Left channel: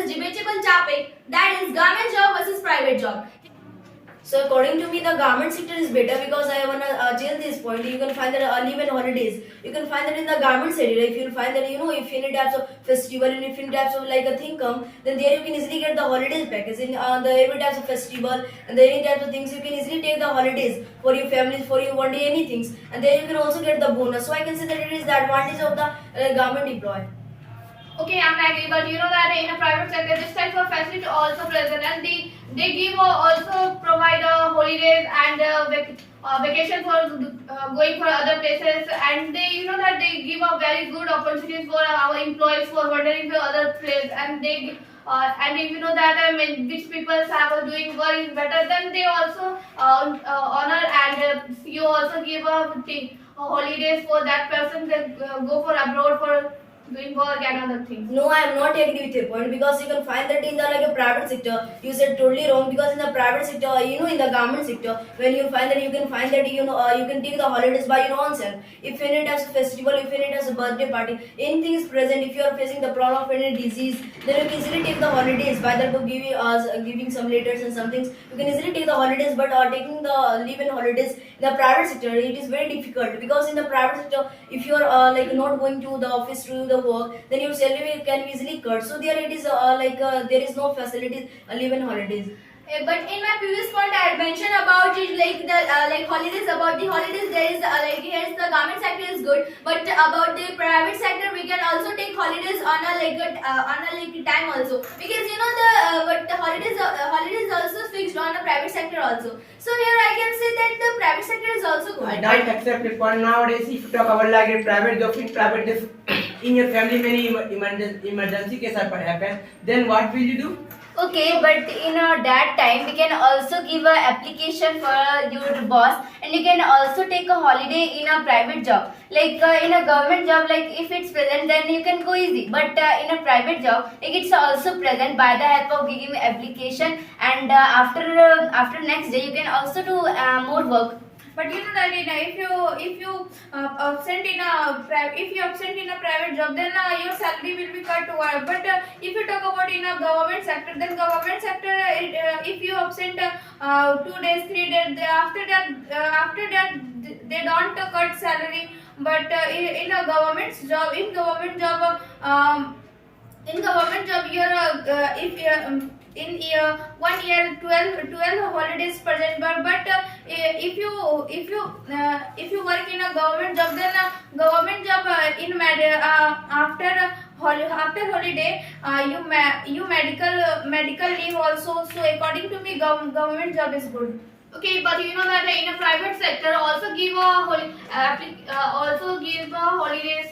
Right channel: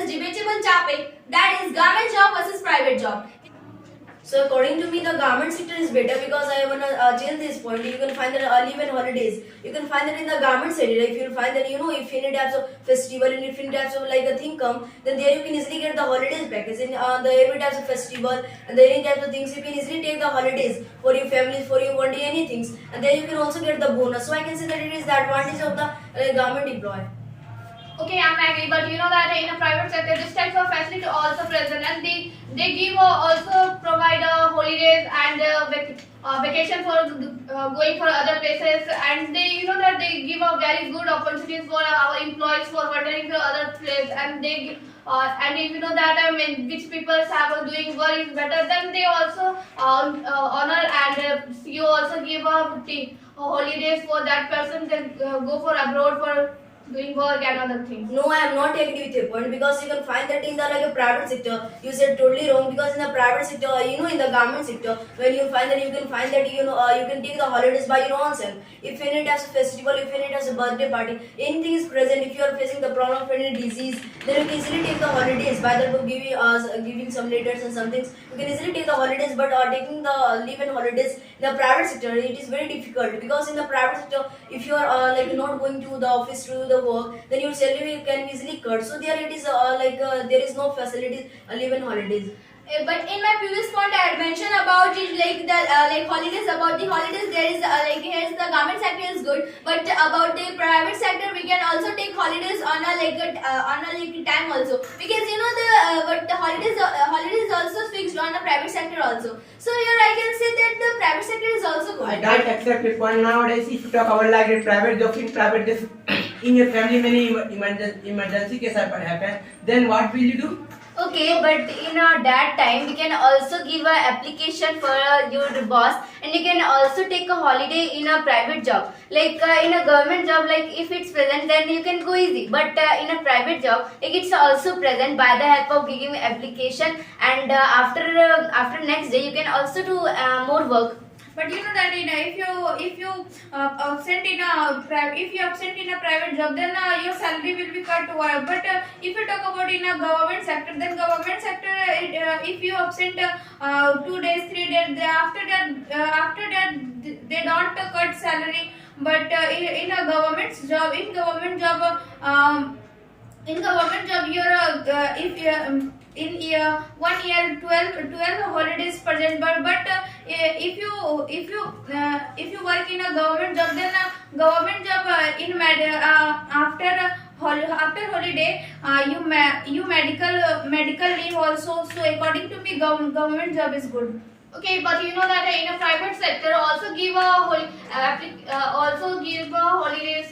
this debatable topic, that is government job versus private job. So according to me, the garment sector is better because I wanna change this point. You can find that leave and holidays. You can find that in the garment sector. If you find that if any types of festival and if any types of like a thing come, then there you can easily get the holidays package. In the every types of festival and the any types of things, you can easily take the holidays for your families, for your one day anything, and then you can also get the bonus. So I can say that it is the advantage of the garment employee. Okay, I'm agree, but you know that in a private sector, this type of facility also present, and they give also provide holidays and vacation for going for other places, and they that they give a very good opportunities for our employees for wandering to other place, and they and if you know that which people have doing work is better, then they also honor and you also give holidays for that person, then go for abroad for doing work and other things. No, I am not agree with your point because you can find that in the like a private sector. You said totally wrong because in the private sector, in the government sector, when you find that you can find that you can take the holidays by your own self. If any types of festival, if any types of birthday party, anything is present. If you are facing the problem of any disease, then you can easily take the holidays by that giving some letters and some things. You can easily take the holidays, but taking the leave and holidays in the private sector, it is very difficult because in the private sector, if you are like not going to the office to the work, then your salary can be easily cut. So there it is there is no facilities leave and holidays. But in my previous point, I had mentioned about it like the like holidays. About the holidays, there is like here's the government sector is good, but about the private sector, we can also take holidays on a time also, because but the holidays also fixed on the private sector also. So here I can say that the private sector is also good. I don't accept it. But nowadays, if you talk about like a private job, in your family many emergency cases happen, then what will you do? Okay, but in that time we can also give a application for your boss, and you can also take a holiday in a private job. Like in a government job, like if it's present, then you can go easy. But in a private job, like it's also present by the help of giving application, and after next day you can also do more work. But you know that if you absent in a private job, then your salary will be cut. But if you talk about in a government sector, then government sector, if you absent 2 days, 3 days, after that they don't cut salary. But in a government job, you're if in year 1 year 12 holidays present, but if you work in a government job, then government job after holiday you medical leave also. So according to me, government job is good. Okay, but you know that in a private sector also give holidays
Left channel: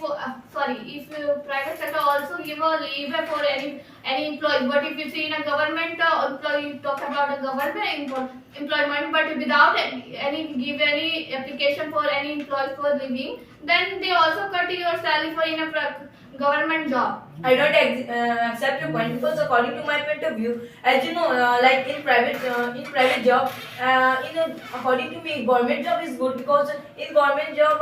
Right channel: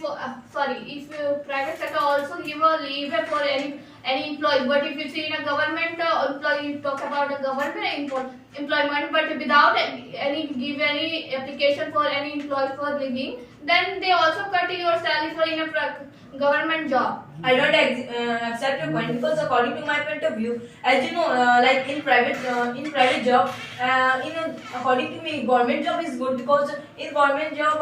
for if private sector also give a leave for any employee. But if you see in a government employee, you talk about a government employment, but without any application for any employee for leaving, then they also cut your salary for in a government job. I don't accept your point because according to my point of view, as you know, like in private job, according to me, government job is good because in government job,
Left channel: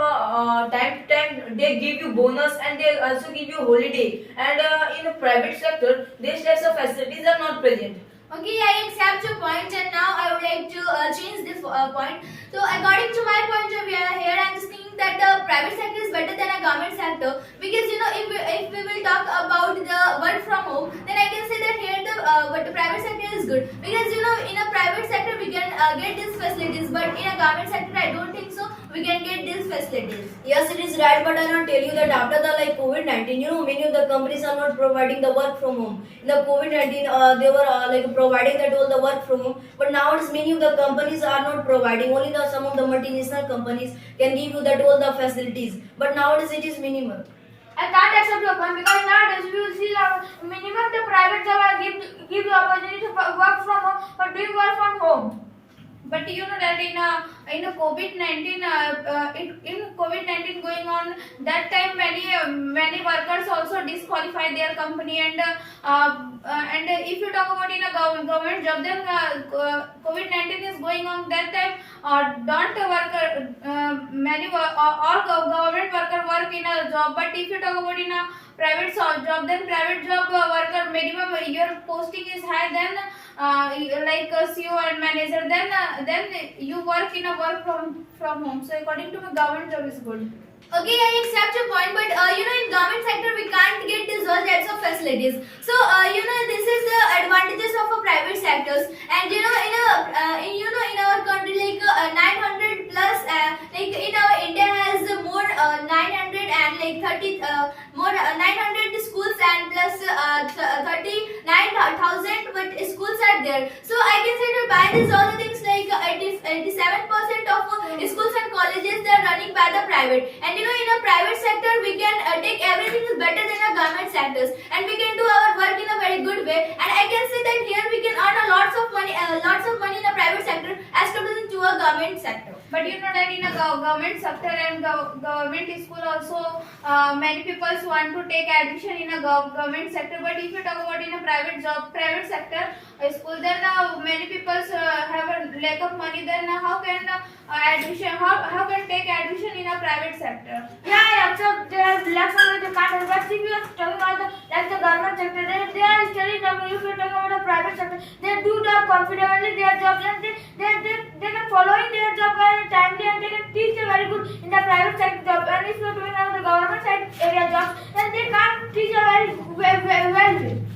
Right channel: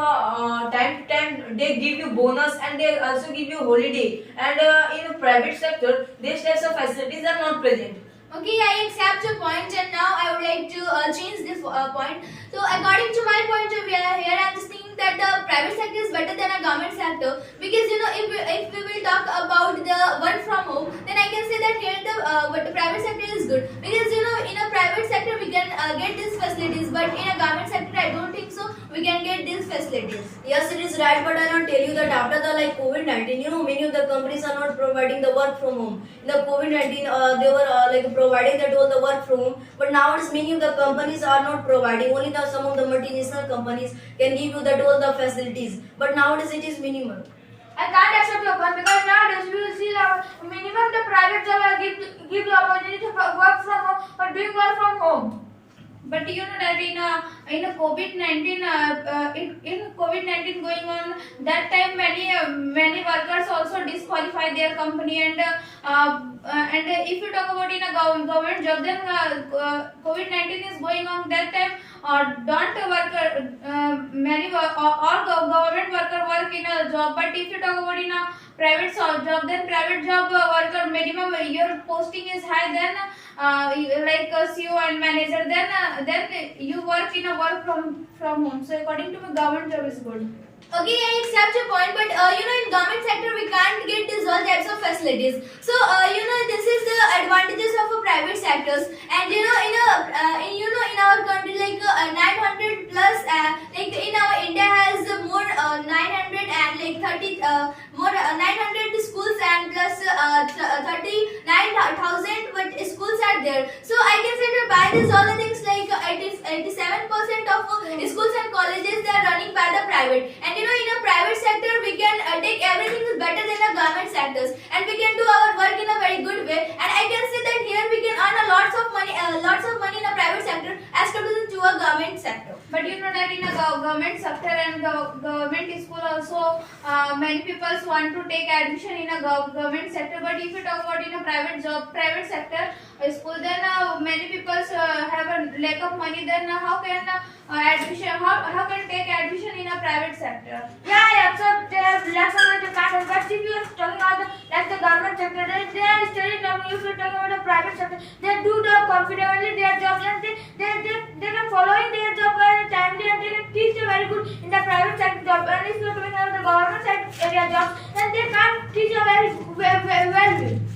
time to time they give you bonus and they also give you holiday. And in a private sector, these types of facilities are not present. Okay, I accept your point, and now I would like to change this point. So according to my point of view, here I am just thinking that the private sector is better than a government sector, because if we will talk about the work from home, then I can say that here the private sector is good, because in a private sector we can get these facilities, but in a government sector I don't think so we can get these facilities. Yes, it is right, but I want to tell you that after the like COVID-19, many of the companies are not providing the work from home. In the COVID-19, they were like providing that all the work from home, but nowadays many of the companies are not providing. Only some of the multinational companies can give you that all the facilities, but nowadays it is minimal. I can't accept your point, because nowadays we will see minimum the private job give the opportunity to work from home or doing work from home. But you know that in in a COVID-19 in COVID-19 going on, that time many workers also disqualify their company, and if you talk about in a government job, then COVID-19 is going on that time. Don't worker all government worker work in a job, but if you talk about in a private job, then private job worker minimum your posting is high, then like a CEO and manager, then you work in a work from home. So according to me, government job is good. Okay, I accept your point, but in government sector we can't get these all types of facilities. So this is the advantages of a private sectors, and in our country, like 900 plus, like in our India has more 900 and like 30 more 900 schools and plus 39,000 but schools are there. So I can say that by these all the things, like 87% of schools and colleges, they are running by the private, and in a private sector we can take everything is better than a government sectors, and we can do our work in a very good way, and I can say that here we can earn lots of money in a private sector as compared to a government sector. But you know that in a government sector and government school also, many people want to take admission in a government sector. But if you talk about in a private sector school, then many people have a lack of money. Then how can admission? How can take admission in a private sector? Yeah, I accept they are lakhs of money they can't help. But if you are talking about the government sector, they are studying. If you talk about the private sector, they do the confidently their jobs, and they can following their job very timely, and they can teach a very good in the private sector job. And if you are doing the government area jobs, then they can't teach a very well.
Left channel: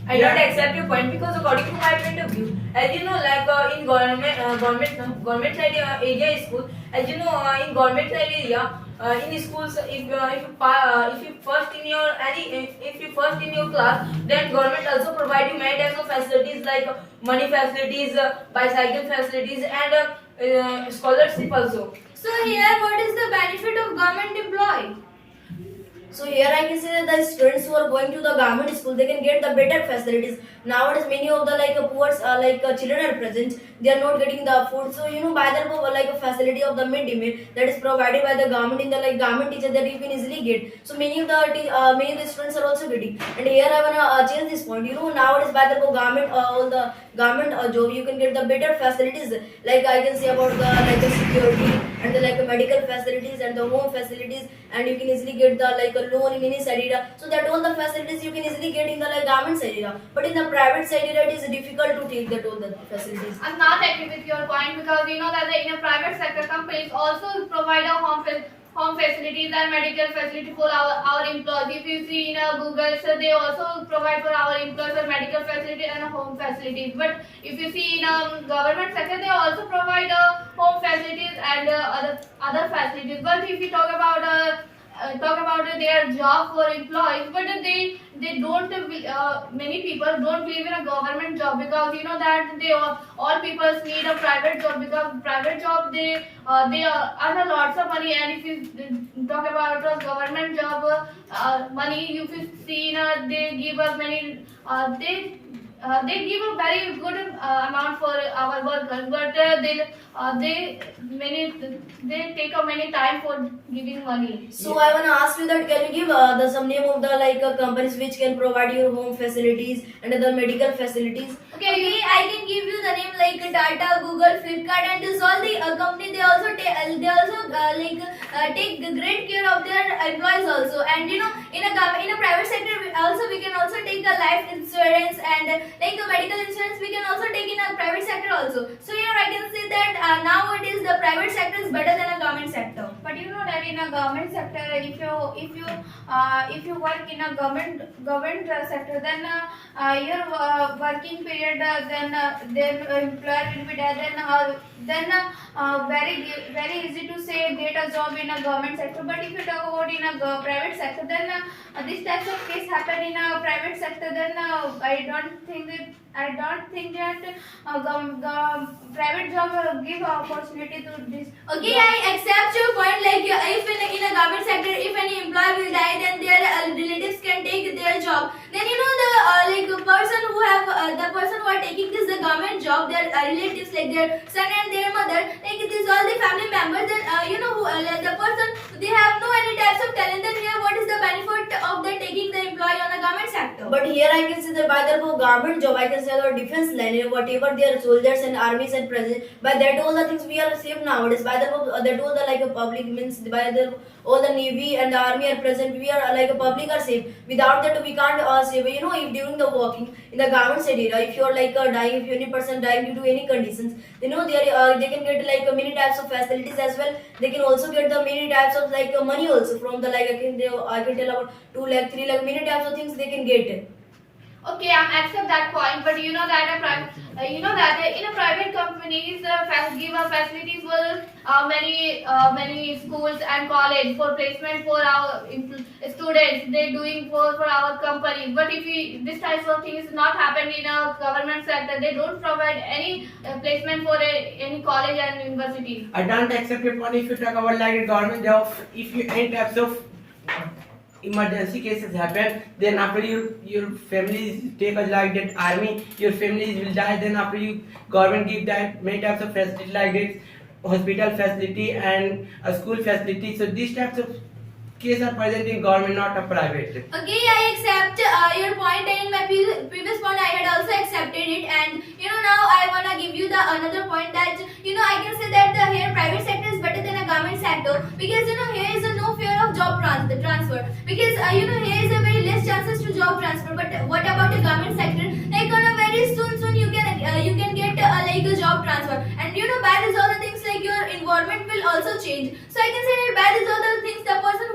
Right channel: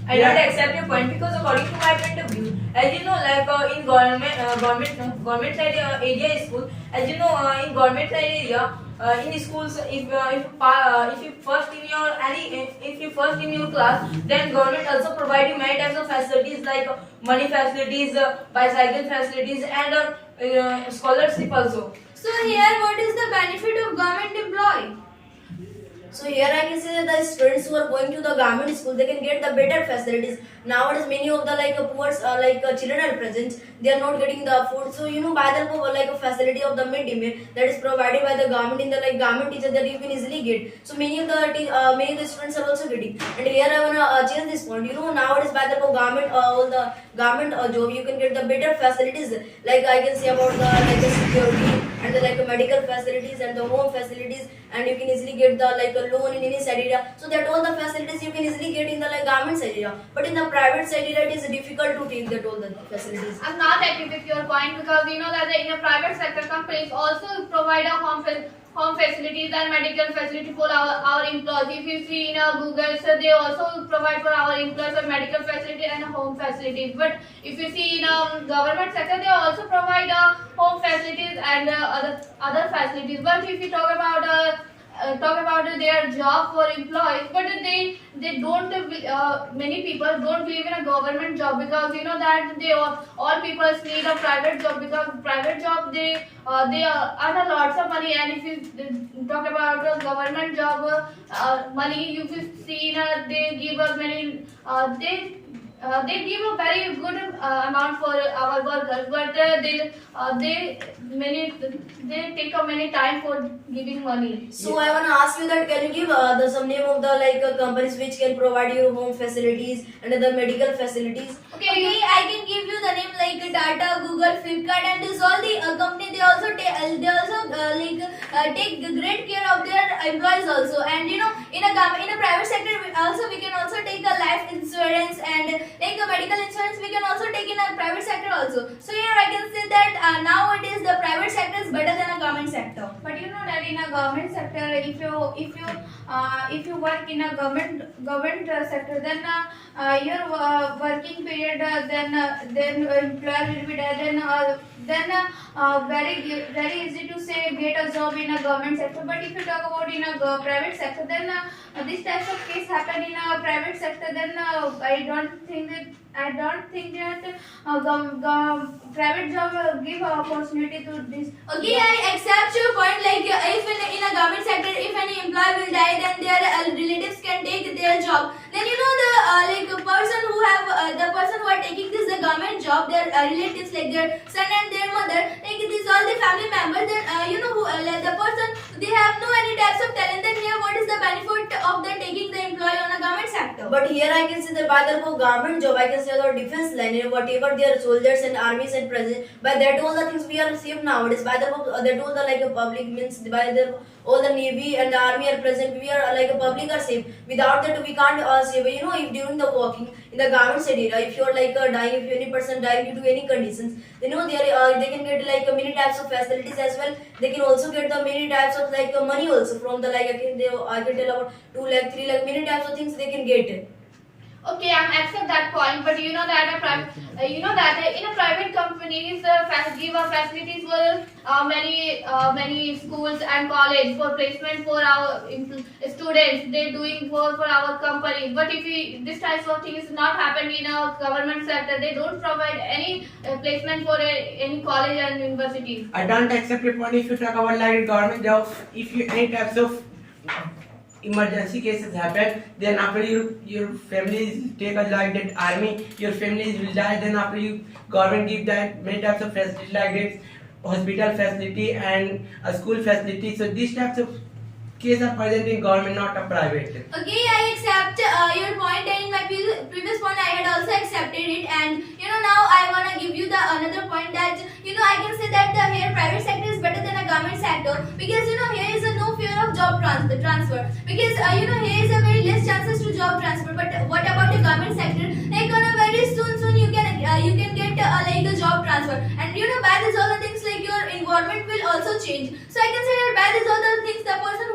I don't accept your point, because according to my point of view, as you know, like in government side area school, as you know, in government side area, in schools, if you first in your class, then government also provide you many types of facilities like money facilities, bicycle facilities, and scholarship also. So here, what is the benefit of government employee? So here I can say that the students who are going to the government school, they can get the better facilities. Nowadays many of the poor children are present, they are not getting the food. So by the facility of the midday meal that is provided by the government in the government teacher, that you can easily get. So many of the students are also getting. And here I wanna change this point. Nowadays by the government all the government job, you can get the better facilities, like I can say about the security and the medical facilities and the home facilities, and you can easily get the loan in any side area. So that all the facilities you can easily get in the government side area, but in the private side area it is difficult to take that all the facilities. I'm not agree with your point, because we know that in a private sector companies also provide a home facilities and medical facility for our employees. If you see in a Google, so they also provide for our employees a medical facility and a home facilities. But if you see in a government sector, they also provide home facilities and other facilities. But if you talk about their job for employees, but they don't many people don't believe in a government job, because you know that all people need a private job, because private job they earn lots of money. And if you talk about a government job money, you will see they give us many they give a very good amount for our workers, but they take a many time for giving money. So I wanna ask you that, can you give some name of the companies which can provide you home facilities and the medical facilities? Okay, I can give you the name like Tata, Google, Flipkart, and this all the company. They also take great care of their employees also. And in a private sector we can also take a life insurance, and like a medical insurance we can also take in a private sector also. So here I can say that nowadays the private sector is better than a government sector. But you know that in a government sector, if you work in a government sector, then your working period, then employer will be there, then very easy to say get a job in a government sector. But if you talk about in a private sector, then this types of case happen in a private sector, then I don't think that I don't think that private job give opportunity to this. Okay, I accept your point. Like if in a government sector, if any employee will die, then their relatives can take their job. Then the person who have the person who are taking this the government job, their relatives like their son and their mother, like it is all the family members. Then who the person they have no any types of talent. Then here, what is the benefit of the taking the employee on a government sector? But here I can say that by the government job, I can say the defense line, whatever their soldiers and armies and president, by that all the things we are safe nowadays. By the that all the like a public means by the all the navy and the army are present, we are like a public are safe. Without that we can't save. If during the walking in the government area, if you are like dying, if any person dying due to any conditions, they can get like many types of facilities as well. They can also get the many types of like money also from the like I can tell about 2 lakh, 3 lakh, many types of things they can get. Okay, I'm accept that point, but you know that in a private companies give a facilities for many schools and college for placement for our students. They doing for our company. But if this type of thing is not happened in a government sector, they don't provide any placement for any college and universities. I don't accept your point if you talk about like government job. If you any types of emergency cases happen, then after your families take a like that army, your families will die. Then after you government give that many types of facility like this hospital facility and a school facility. So these types of cases are present in government, not a private. Okay, I accept your point, and in my previous point I had also accepted it. And now I wanna give you the another point that I can say that the here private sector is better than a government sector because here is a no fear of job transfer because here is a very less chances to job transfer. But what about the government sector? Like on a very soon you can get like a job transfer, and by this all the things like your environment will also change. So I can say that by this all the things the person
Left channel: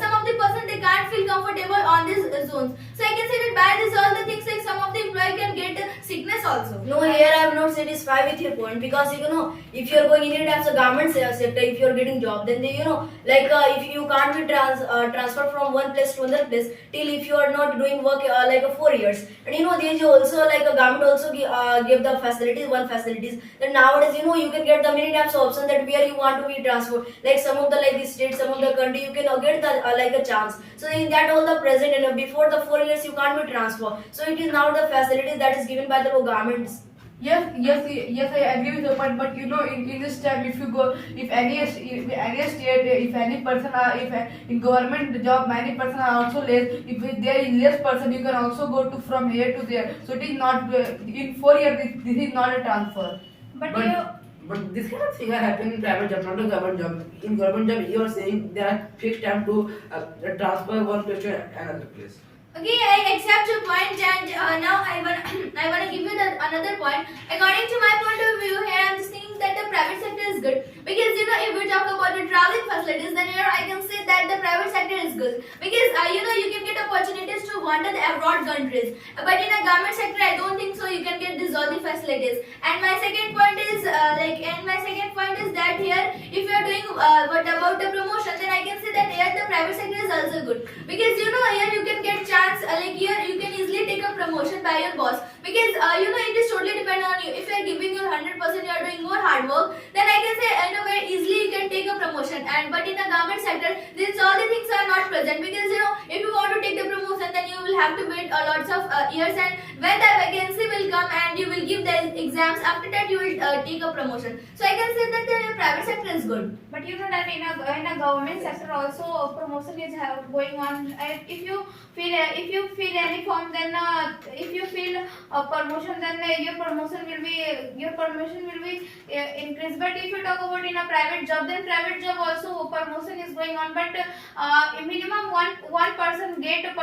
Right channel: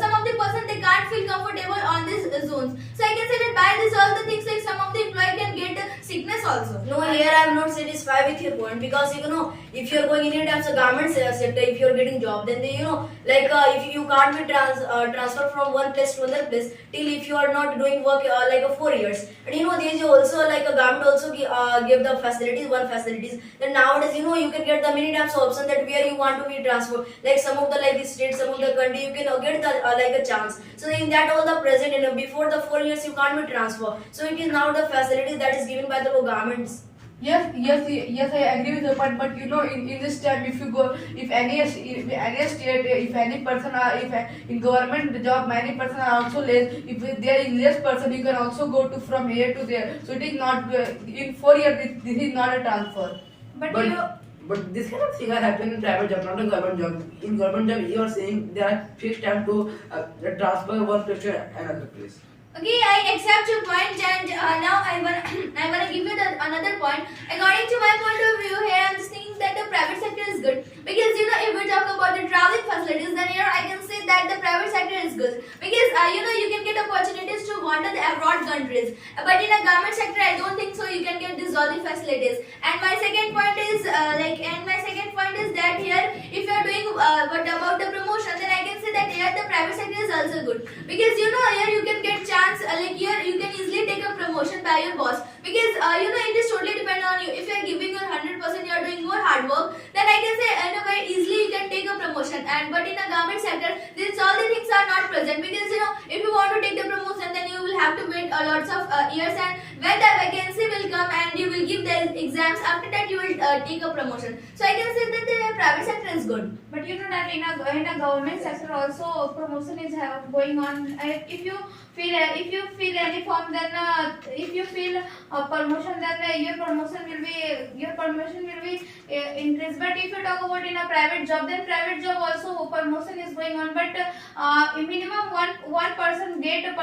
some of the person they can't feel comfortable on these zones. So I can say that by this all the things like some of the employee can get sickness also. No, here I am not satisfied with your point because if you are going in any types of government sector, if you are getting job, then they if you can't be transferred from one place to another place till if you are not doing work 4 years. And there is also like a government also give the facilities. Then nowadays you can get the many types of options that where you want to be transferred. Like some of the like the states, some of the country you can get the like a chance. So in that all the present before the 4 years you can't be transferred. So it is now the facilities that is given by the governments. Yes, I agree with your point. But in this time, if any state, if any person, in government job, many person are also less. If there is less person, you can also go to from here to there. So it is not in 4 years. This is not a transfer. But this kind of thing happen in private job, not in government job. In government job, you are saying there are fixed time to transfer one place to another place. Okay, I accept your point, and now I wanna give you another point. According to my point of view, here I'm just thinking that the private sector is good because if we talk about the traveling facilities, then here I can say that the private sector is good because you can get opportunities to wander the abroad countries. But in a government sector, I don't think so. You can get these all the facilities. And my second point is that here if you are doing what about the promotion, then I can say that here the private sector is also good because here you can get chance. Like here you can easily take a promotion by your boss because it is totally depend on you. If you are giving your 100%, you are doing more hard work, then I can say very easily you can take a promotion. And but in the government sector, these all the things are not present because if you want to take the promotion, then you will have to wait lots of years, and when the vacancy will come and you will give the exams, after that you will take a promotion. So I can say that the private sector is good. But that in a government sector also promotion is going on. If you fill any form, then if you fill a promotion, then your promotion will be increased. But if you talk about in a private job, then private job also promotion is going on. But minimum one person get a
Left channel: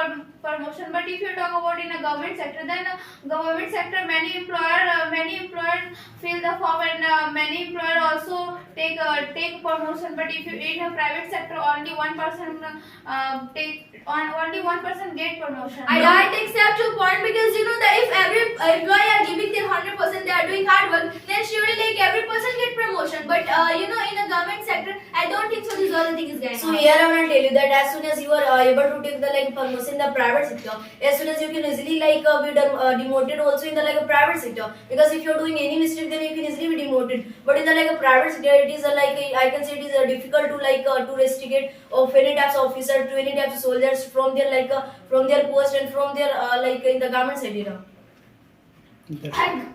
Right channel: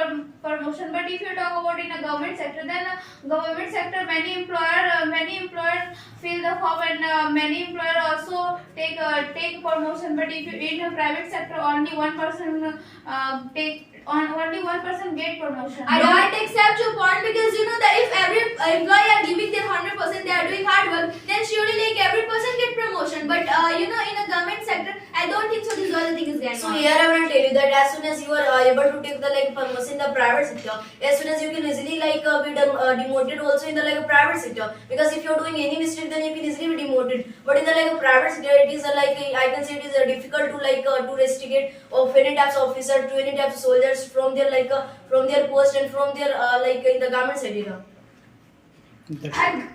promotion. But if you talk about in a government sector, then government sector many employers fill the form, and many employer also take promotion. But if you in a private sector, only one person take only one person get promotion. I don't accept your point because you know that if every employee are giving their 100%, they are doing hard work, then surely like every person get promotion. But you know, in a government sector, I don't think so. This is all the thing is going So on. here I want to tell you that as soon as you are able to take the like promotion in the private sector, as soon as you can easily like be demoted also in the like private sector, because if you are doing any mistake then you can easily be demoted. But in the like private sector it is like I can say it is difficult to like to restricate of any types of officer to any types of soldiers from their like from their post and from their like in the government sector. That's And